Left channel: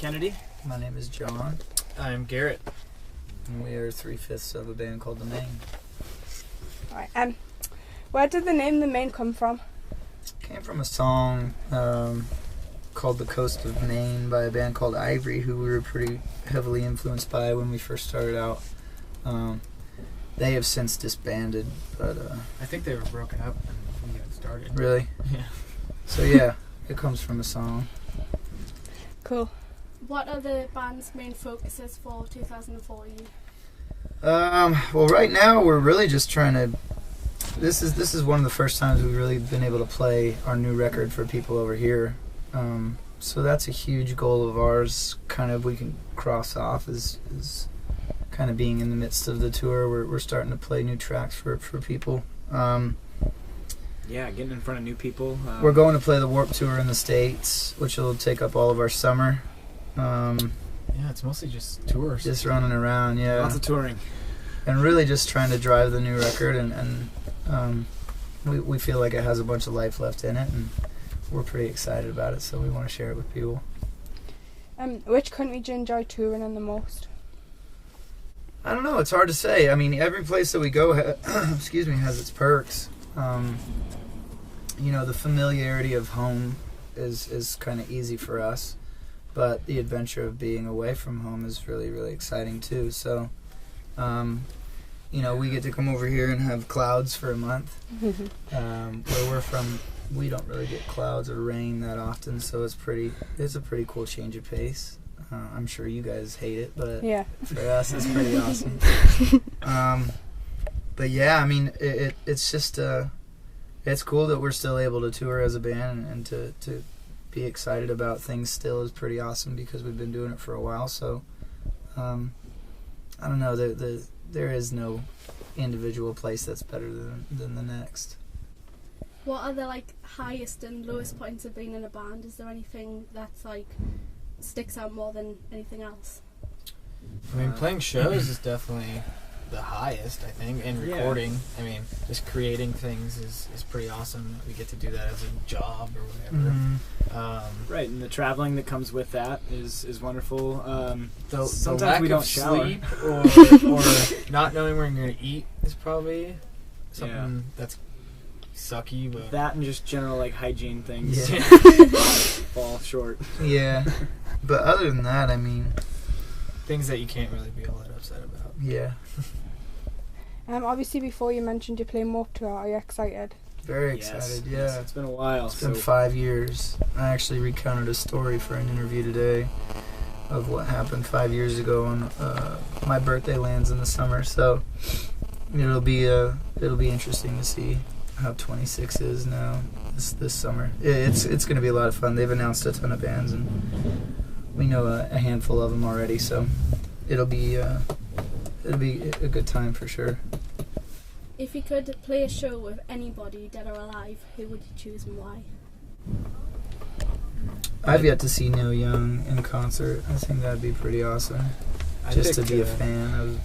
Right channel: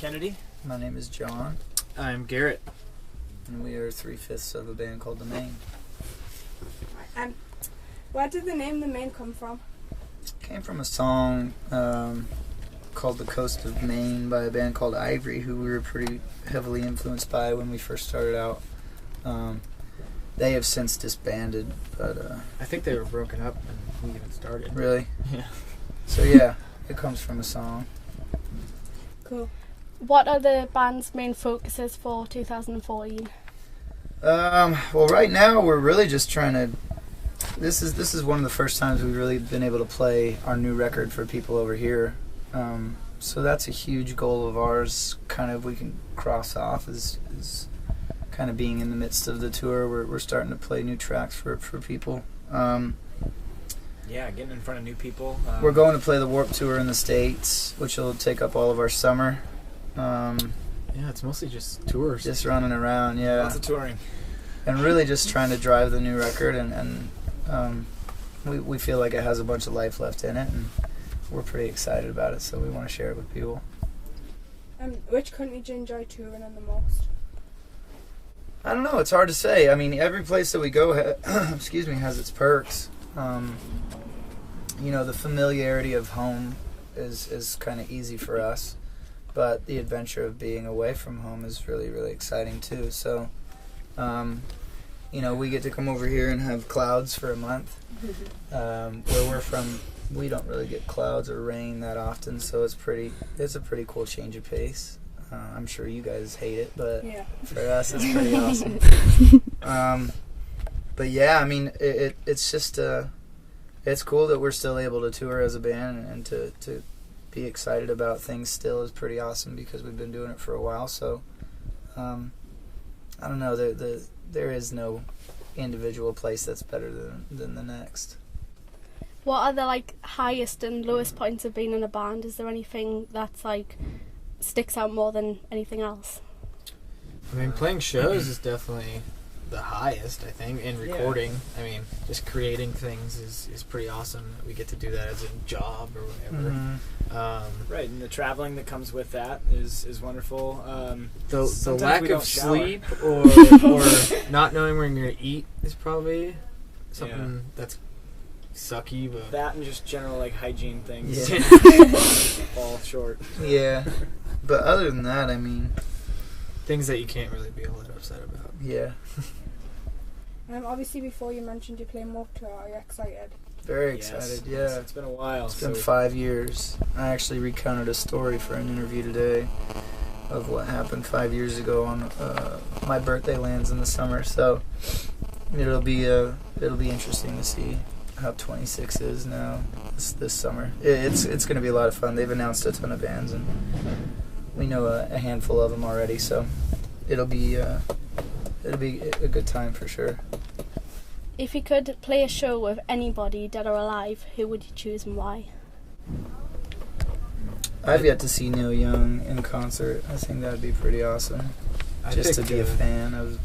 Kennedy. My name is John. I'm Garret. And we are 3/5 of a band called the Maine. Right, where did the name the Maine come from? Came from a song called The Coast of Maine by a band called Ivory, who we were pretty heavily influenced by when we first started out. They have since disbanded, but I think they were broken up when we even started. Really? Yeah. So yeah, it comes from a song. Cool. What are the band's main focuses for 2014? Well, right now we're really just trying to. This is one of the first times we've really been able to play our new record for people over here. So that's a huge goal of ours. Kind of we can cross off is kind of being in the midst of the tour. We're starting to play new tracks for people. Yeah, getting in front of new people. We're going to play the Warped Tour in the States, which will take up all of our summer. Yeah, it's mostly just tours. Just running around, yeah. Lots of touring. And really just trying to drive the new record, and we feel like it has a bunch of life left in it, and we're pretty excited about it, so we want to share it with people. Which country do you enjoy touring in the most? I don't know, it's hard to say. I mean, every place that we go has its perks. The familiarity of home is kind of easy for us, but the adventure of being away from home is really, really exciting too. So, we get to come over here and have clouds for a month. Where we're from, we don't really get clouds or rain that often, so it's a pretty cool change of pace. I'm sure you guys hate it, but yeah, for us it's pretty awesome. But yeah, I mean, it's just it's cool that we're still able to tour as a band, and to be excited about things still is pretty awesome because we've been doing it for a while. So I don't know, there is no individual place that's better than the next. What are the highest and lowest points of being in a band? Is there anything that's sticks out more than anything else? I mean, playing shows is definitely the highest, I think, and recording. Yeah. I mean, just creating things is pretty awesome. We get to do that as a job or whatever. Mm-hmm. Right, and the traveling that comes with that is wonderful. The lack of sleep or not knowing where you're going to eat is probably something that's sucky. But that and just general hygiene things fall short. Yeah, but other than that, I mean, things that you can't really be all that upset about. Yeah. Obviously, before you mentioned you play Warped Tour, are you excited? Very excited, yes. It's been a while. It's been 5 years. I actually recounted a story for an interview today of what happened 5 years ago on my birthday lands in the summer. So it'll be interesting to see how 26 is now this summer. It's going to be a lot of fun. They've announced a ton of bands, and we know a handful of them already. So it'll be a good time for sure. If you could play a show with anybody, dead or alive, who would you choose and why? I've yet to see Neil Young in concert. I think that'd be pretty awesome. Just to be a fan of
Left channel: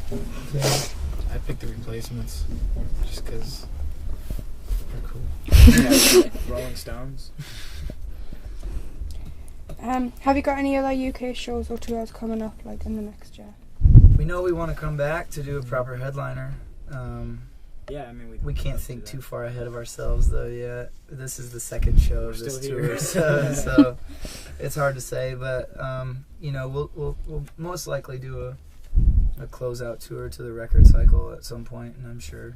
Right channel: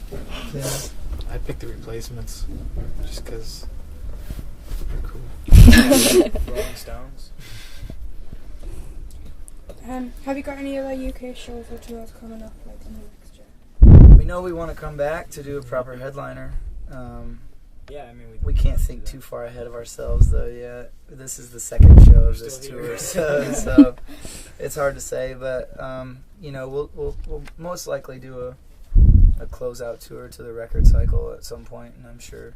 them. I'd pick the Replacements, just because they're cool. Rolling Stones. Have you got any other UK shows or tours coming up in the next year? We know we want to come back to do a proper headliner. Yeah, I mean, we can't think too far ahead of ourselves though yet. This is the second show of this tour, so it's hard to say. But we'll most likely do a closeout tour to the record cycle at some point, and I'm sure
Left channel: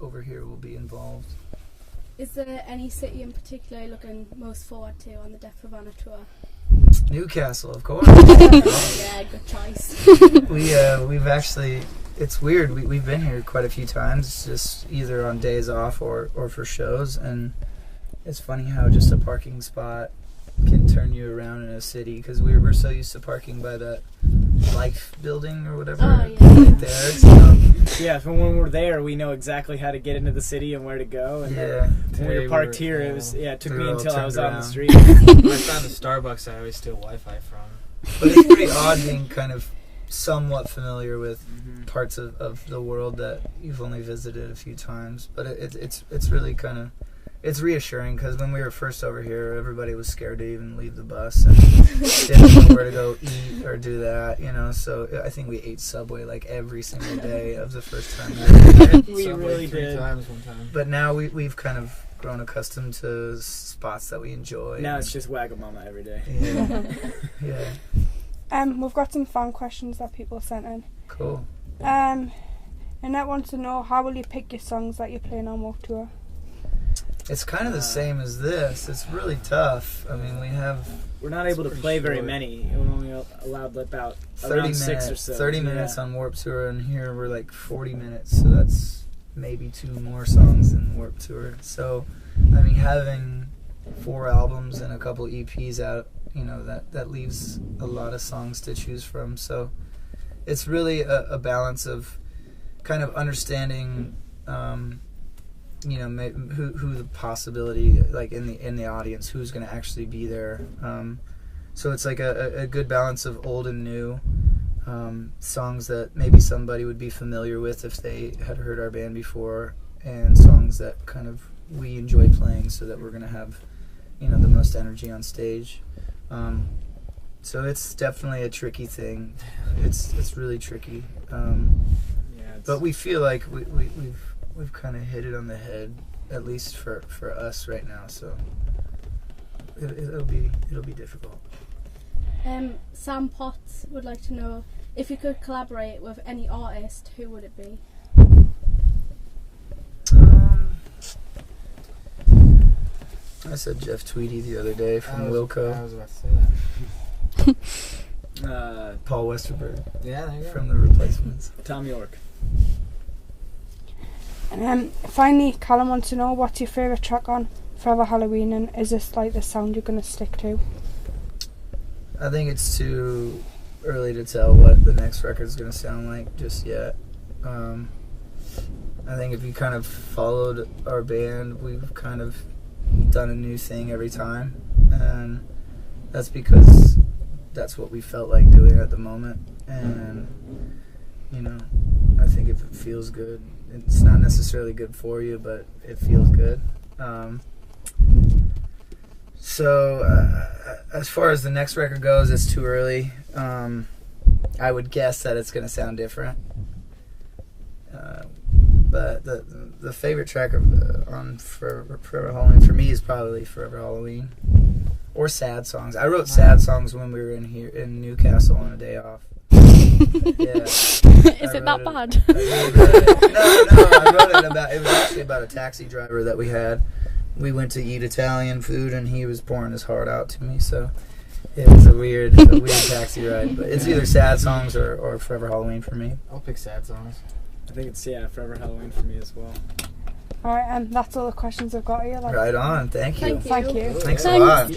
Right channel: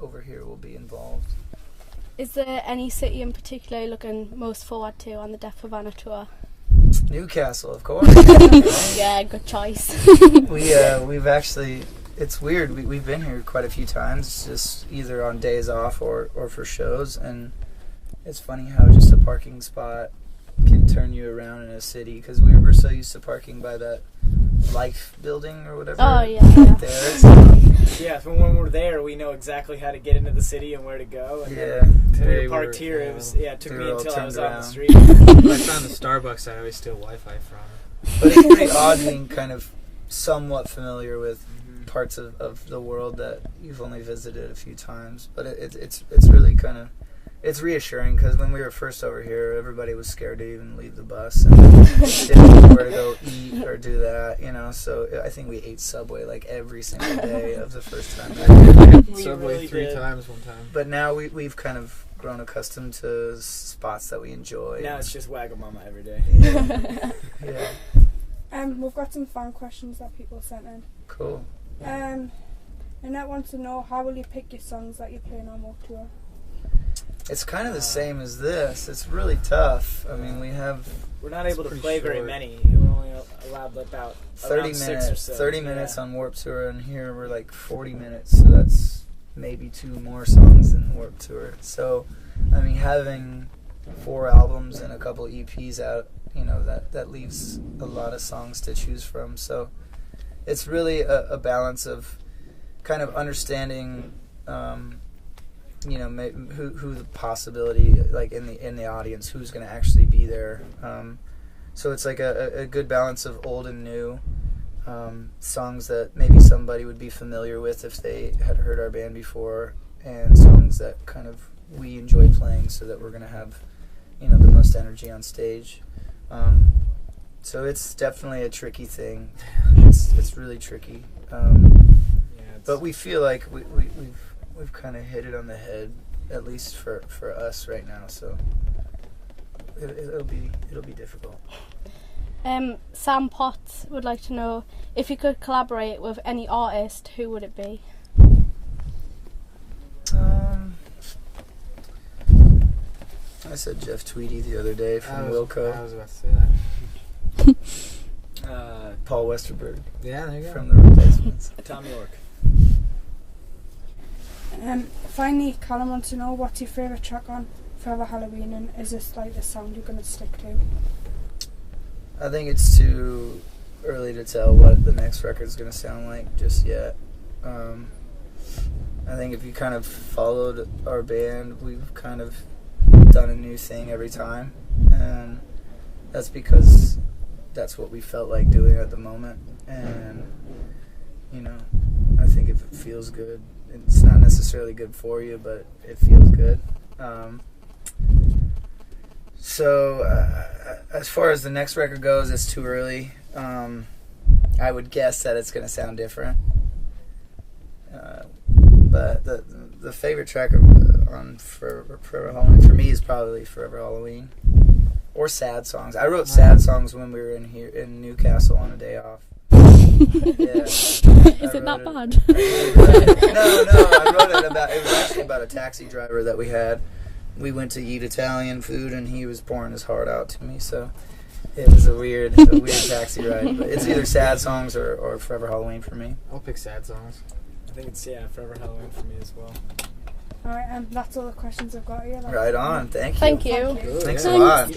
over here we'll be involved. Is there any city in particular you're looking most forward to on the Deaf Havana tour? Newcastle, of course. Yeah, good choice. We've actually. It's weird. We've been here quite a few times, just either on days off or for shows, and it's funny how just a parking spot can turn you around in a city, because we were so used to parking by that Life building or whatever. Oh, yeah. Right there. So. Yeah, so when we're there, we know exactly how to get into the city and where to go. And when we were parked here, it took me until I was out on the street. When I found the Starbucks, I always steal Wi-Fi from. But it's pretty odd being kind of somewhat familiar with parts of the world that you've only visited a few times. But it's really kind of it's reassuring because when we were first over here, everybody was scared to even leave the bus and didn't know where to go eat or do that, you know. So I think we ate Subway like every single day of the first time we were here. We Subway really 3 times one time. But now we've kind of grown accustomed to spots that we enjoy. Now it's just Wagamama every day. Yeah. Yeah. We've got some fan questions that people sent in. Cool. Annette wants to know, how will you pick your songs that you're playing on Warped Tour? It's kind of the same as this. It's really tough. I mean, we're not able to play very many. We're only allowed about 30 6 minutes, or so. 30 minutes on Warped Tour, and here we're like 40 minutes, so that's maybe 2 more songs than Warped Tour. So, I mean, having 4 albums and a couple EPs out, you know, that leaves a lot of songs to choose from. So it's really a balance of kind of understanding, you know, who the possibility, like in the audience, who's going to actually be there. So it's like a good balance of old and new songs that maybe somebody would be familiar with if they had heard our band before, and songs that kind of we enjoy playing, so that we're going to have, you know, the most energy on stage. So it's definitely a tricky thing. It's really tricky. But we feel like we've kind of hit it on the head, at least for us right now. So it'll be difficult. Sam Potts would like to know, if you could collaborate with any artist, who would it be? I said Jeff Tweedy the other day from Wilco. I was about to say that. Paul Westerberg. Yeah, there you go. From The Replacements. Tom York. And then finally, Callum wants to know, what's your favourite track on Forever Halloween, and is this like the sound you're going to stick to? I think it's too early to tell what the next record's going to sound like just yet. I think if you kind of followed our band, we've kind of done a new thing every time, and that's because that's what we felt like doing at the moment. And, you know, I think if it feels good, it's not necessarily good for you, but it feels good. So as far as the next record goes, it's too early. I would guess that it's going to sound different. But the favorite track on Forever Halloween for me is probably Forever Halloween, or sad songs. I wrote sad songs when we were in Newcastle on a day off. Yeah. Is it that bad? No. I wrote it was actually about a taxi driver that we had. We went to eat Italian food, and he was pouring his heart out to me. So it was a weird taxi ride. But it's either sad songs or Forever Halloween for me. I'll pick sad songs. I think it's Forever Halloween for me as well. Alright, and that's all the questions I've got here. Right on. Thank you. Thank you. Thanks a lot.